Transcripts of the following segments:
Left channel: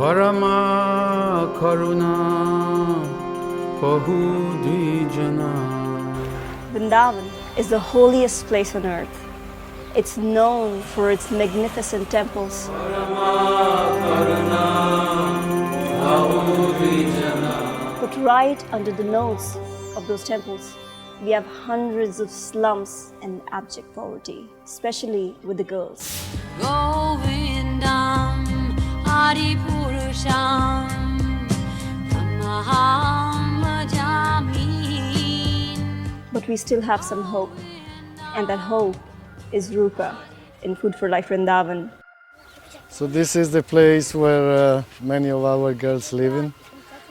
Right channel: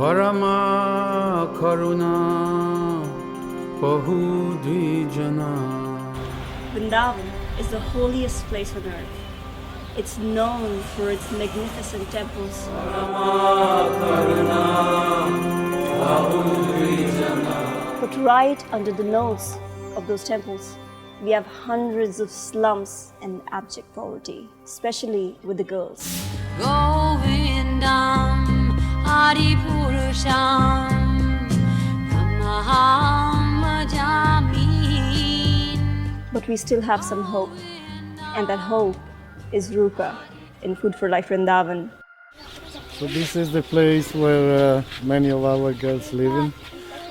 Parama karuna pahudijana. Vrindavan is the holiest place on earth. It's known for its magnificent temples. But right under the nose of those temples, we have hundreds of slums and abject poverty, especially with the girls. Govindam Adipurusham Tamaham Jamin. But we still have some hope, and that hope is Rupa in Food for Life Vrindavan. So this is the place where many of our girls live in.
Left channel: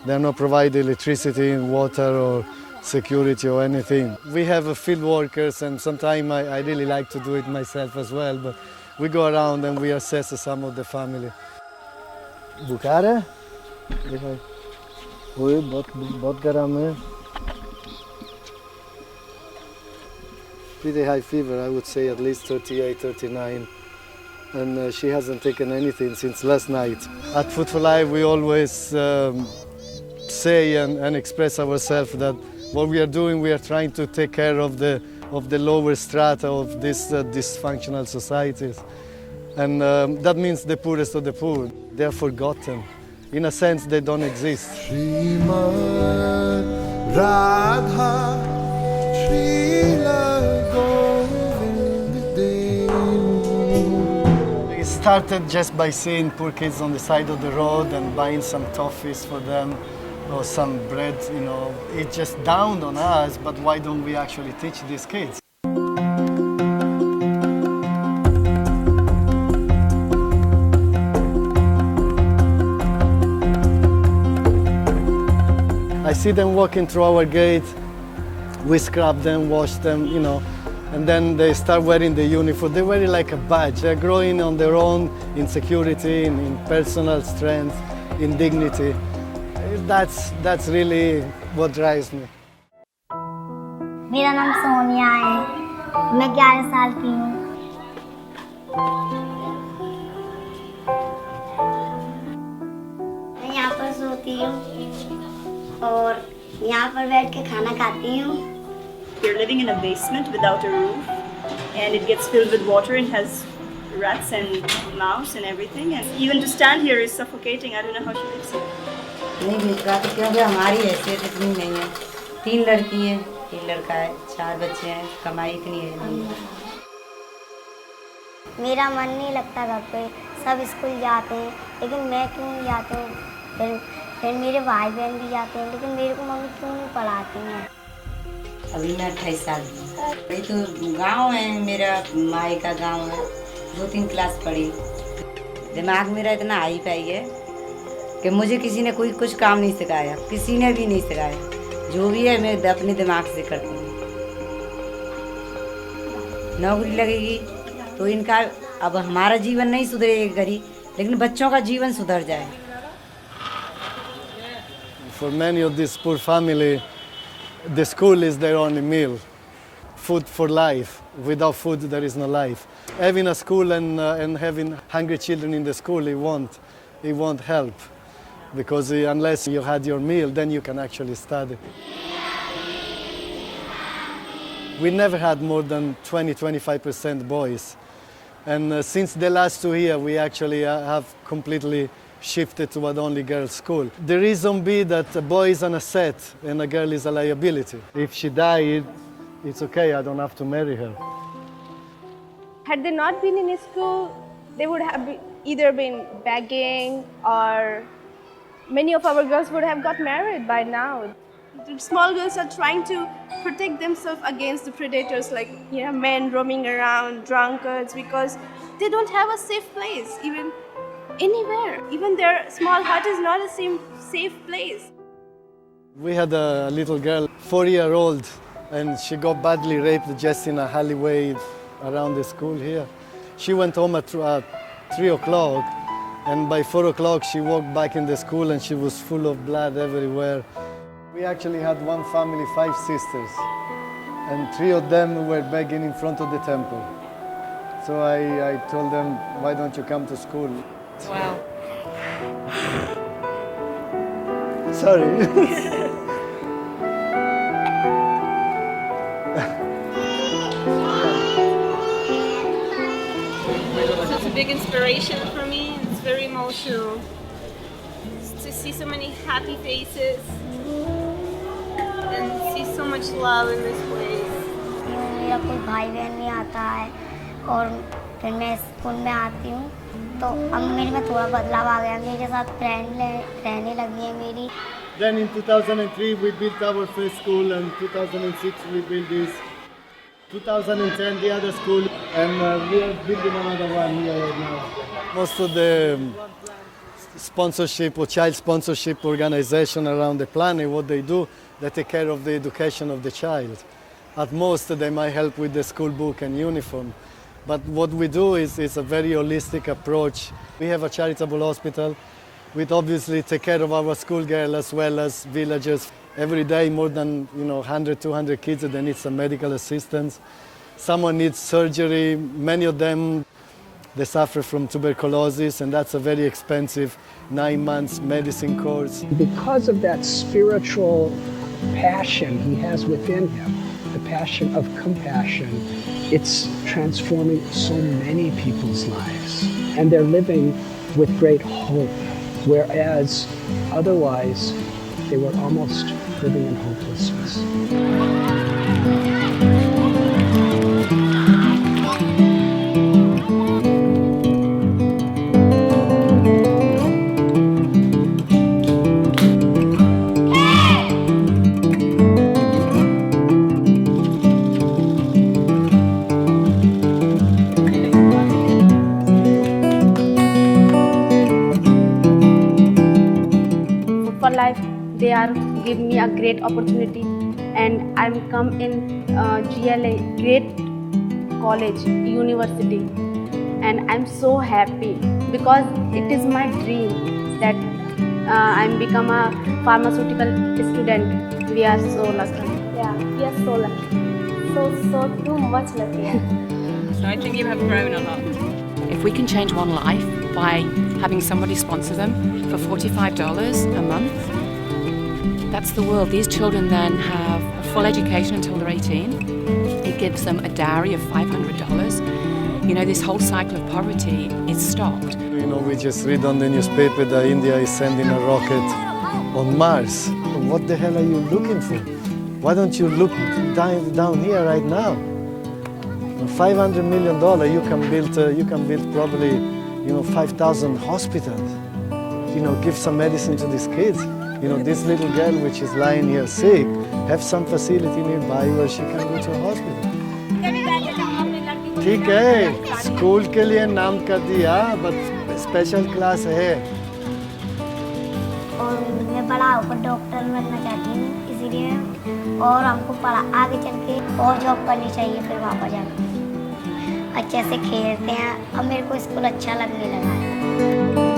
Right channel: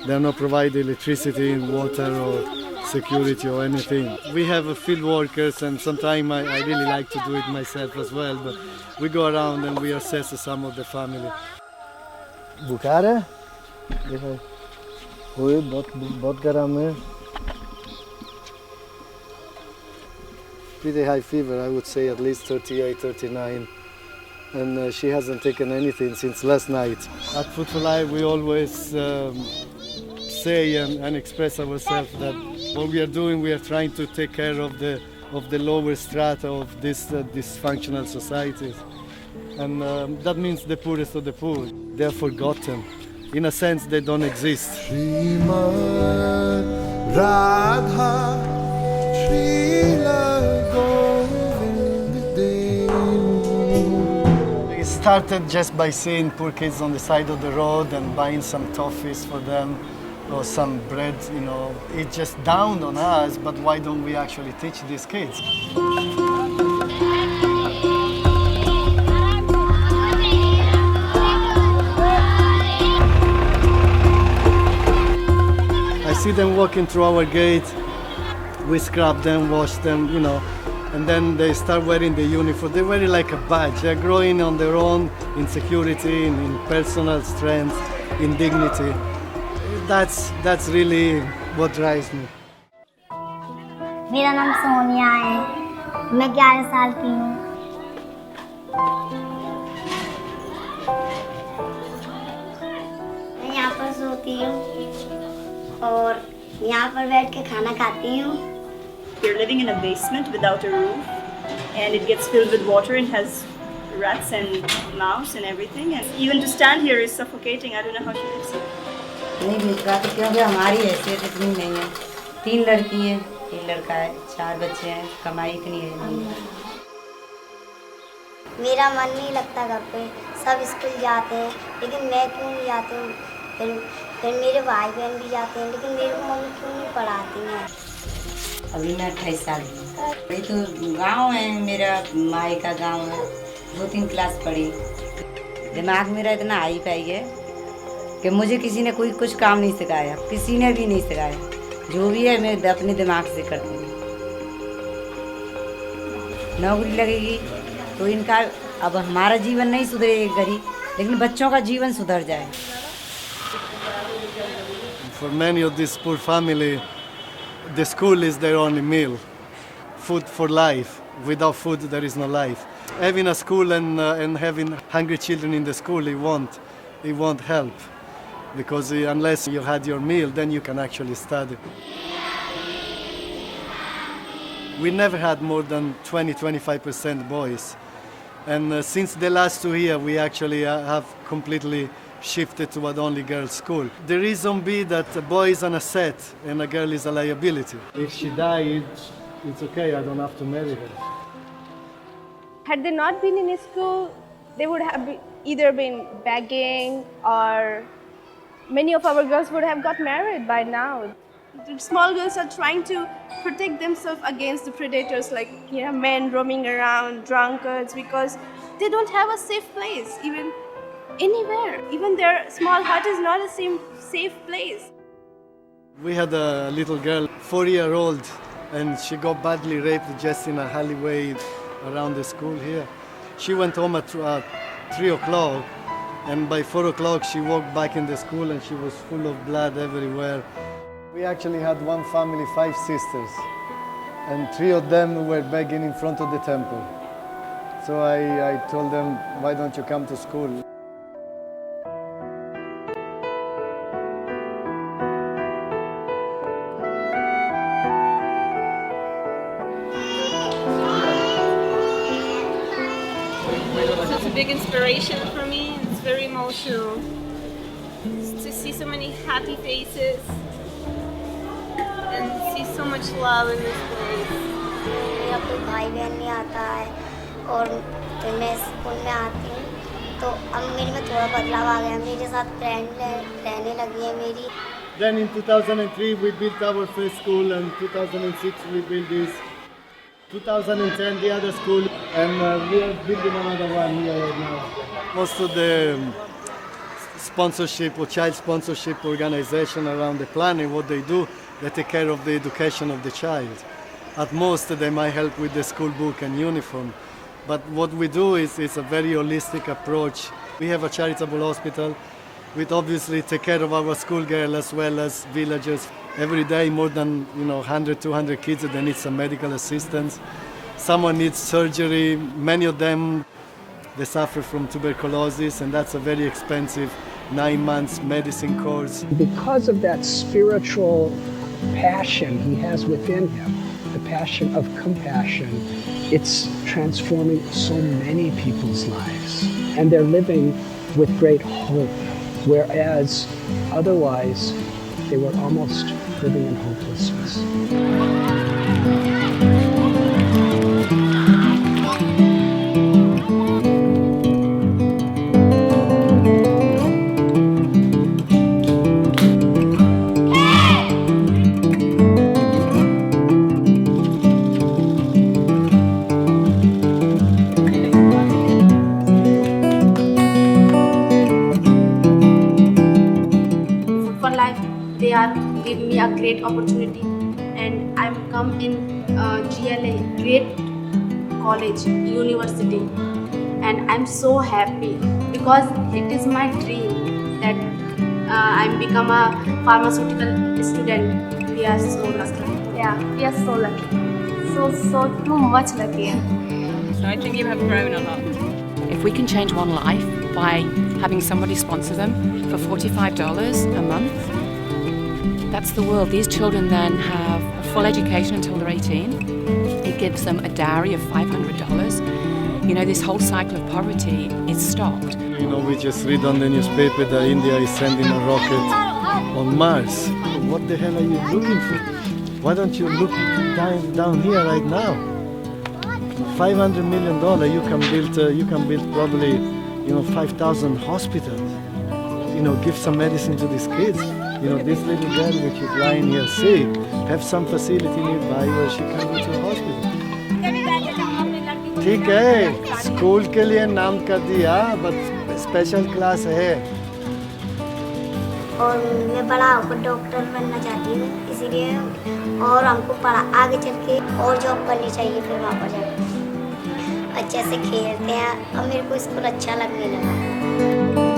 They are not provided electricity, water or security or anything. We have field workers, and sometimes I really like to do it myself as well, but we go around and we assess some of the family. बुखार है? देखो, ओए बहुत गर्म है. Pretty high fever, I would say at least 38, 39. And she hasn't taken anything since last night. At Food for Life, we always say and express ourselves that what we are doing, we are trying to take care of the lower strata of this dysfunctional societies. And that means the poorest of the poor. They are forgotten. In a sense, they don't exist. Srimad Radha Srila It started just by seeing poor kids on the side of the road and buying some toffees for them or some bread, you know. It just dawned on us, but why don't we actually teach these kids? I see them walking through our gate. We scrub them, wash them, you know, and then they start wearing the uniform. They wear it like a badge. They're growing on their own in security, in personal strength, in dignity. That's really what drives me. मेरा नाम सोनिया है, मैं 11 साल की हूँ। मैं यहाँ पर सोती हूँ और यहाँ पर बैठ के खाना खाती हूँ। We're living in a basement without a roof, and it gets filled with water and has rats and mouse and everything. And even to stand here is suffocating. I don't know how she lives here. नहीं भेज पाते क्योंकि हमारी हैसियत इतनी नहीं है. 3 लड़की हैं, 1 लड़का है, 4 बच्चे हैं, कमाई इतनी है नहीं. मेरा मन नहीं लगता घर पे, सब स्कूल जाते हैं, लेकिन मैं क्यों नहीं जाती हूँ? फिर मेरे भाई बहन भी जाते हैं, लेकिन मेरे को मम्मी क्यों नहीं पढ़ाती हैं? अभी मैं 28 साल की हूँ. वही तो गांव है, मेरा माई का गांव है. 2-3 क्लास पढ़ी. दिमाग मेरा इतना हाई फाई है कि मुझे किसी ने कोई कुछ काम नहीं सिखाया, किसी ने भी नहीं सिखाया. जो भी है मैं अपने दिमाग से करती हूँ. नौकरी लगेगी तो इनका अब हमारा जीवन नहीं सुधरेगा घरी, लेकिन बच्चों का जीवन सुधर जाए. For many of this poor family, the school is their only meal. Food for life. Without food, there is no life. Having a school and having hungry children in the school, it won't help. Because unless you had your meal, then you can actually study. We never had more than 20-25% boys. And since the last 2 years, we actually have completely shifted to an only girls' school. The reason be that a boy is an asset and a girl is a liability. If she died, it's okay, I don't have to marry her. Had they not been in school, they would have either been begging, or many of our girls would have got married by now. The small girls are trying to protect themselves against the predators, like men roaming around, drunkards, because they don't have a safe place, even anywhere. Even their small hut is not a safe place. We had a little girl, 4-year-old, and she got badly raped just in a alleyway around the school here. She went home at 3 o'clock, and by 4 o'clock she walked back in the school and she was full of blood everywhere. We actually had one family, 5 sisters, and 3 of them were begging in front of the temple. So I told them, why don't you come to school? Wow. Sorry. So it's a big inspiration for me. It's very emotional to see so many happy faces and see so much love in this place. मेरा कोई भाई बहन नहीं आता है और फिर मैं स्कूल में आती हूँ तो अब मेरे में थोड़ा बदलाव आ गया, मेरे साथ फ्रेंड रहने लगी है मेरी. Then in 2003 we built our first school, and 2006 we built this. 2010 the other school, and we are building another one here right now. Most of the sponsorship or child sponsorship organization around the planet, what they do, they take care of the education of the child. At most they might help with the school book and uniform. But what we do is a very holistic approach. We have a charitable hospital. We obviously take care of our schoolgirls as well as villagers. Every day more than 100, 200 kids that need some medical assistance. Someone needs surgery. Many of them, they suffer from tuberculosis, and that's a very expensive 9 months medicine course. Because of that spiritual passion he has within him, the passion of compassion, it's transforming so many people's lives. And they're living with great hope, whereas otherwise they were almost living in hopelessness. For life, they are giving me a great opportunity, and I'm come in GLA, great college, university, and I'm so happy because it is my dream that I'm become a pharmaceutical student. We are so lucky. Yeah, we are so lucky. So much lucky. So I think you have grown a lot. If we can change one life by having somebody sponsor them for $45 a month, that's the world. These children then have a full education until they're 18. It gives them a dowry of $500. This whole cycle of poverty is stopped. We just read on the newspaper that India is sending a rocket on Mars. What the hell are you looking for? Why don't you look down here right now? $500 million, you can build probably 5,000 hospitals. Give some medicine to these kids. This little girl which is lying here sick, have some facility nearby where she can go to a hospital. ठीक है, school के लिए नाम कर दिया, but special class है. और मैं बड़ा होकर डॉक्टर बनना चाहती हूँ, इसीलिए और हमको आगे चल के और जॉब करनी चाहिए. फिर वहाँ पर जाकर अच्छे से खेलते हैं. अब मेरे को स्कूल अच्छा लगने लगा.